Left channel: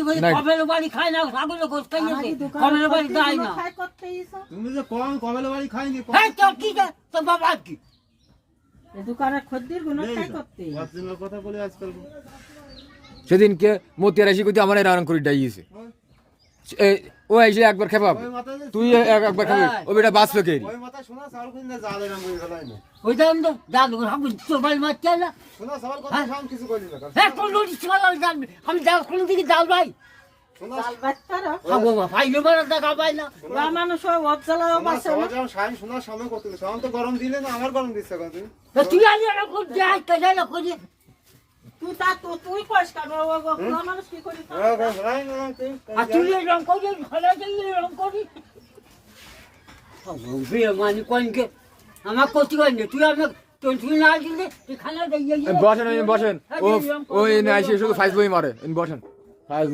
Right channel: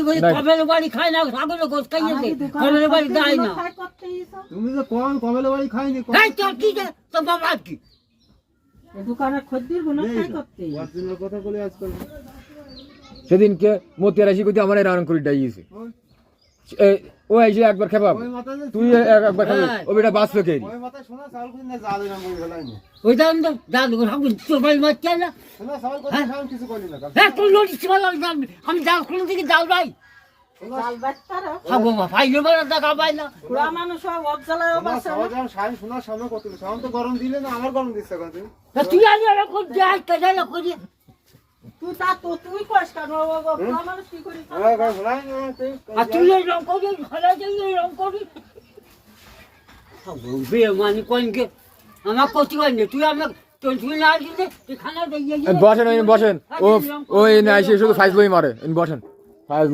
কি করে কবের বাড়ি খায় না ছাগলের গোশ খাইয়েছে কবের বাড়ি যায় না তুমি যে কোন কবের বাড়ি খাইনি এই তোর কি তো বাবা কি দোকানের খদ্দের গুলো খাই করতে অরিজিনাল কথা বলে আজকাল সেদিনকে মতিয়ার আসি কইতে আমার এরাম করে ডাইয়েছে ও এসে একবার খেপাব তুই একবার খাবি ও বেটা বাঁচবে কে ওই মাথা শোনা চাল কোন না জালে না মই গলাই না ওই দাম দে দাদু হাগু তোর বাড়ি মারছে না শোনা চাল কথা শাম কিছু কইলি না হ্যাঁ তোর লোটিস মালা আমি যাও কোন দিকে যাও ভাই চাল বাচ্চারা খাবো ভাই এবার দেখা পাই না পুরা মানুষ সব অবজালায় বাসে সবাই যখন শাইন শোনা সময় কত শাম তো গরম দিলে না আমার গরম দিচ্ছে কথা তুমি তুই আজ এরকম যাই কাজে না করি তুই তা তো তুই পরিষ্কার বাবা পুরা মানুষ কি করি আর তুই রং করি ঘরে যাই রং করি বিয়ে মানে কোনকে আমার কত কইনি তুই আমার তুই না দিলে তুই খানা দিয়ে বসেন ও না এসে শুধু ফাইজ বই মারে বসেন ফাইজ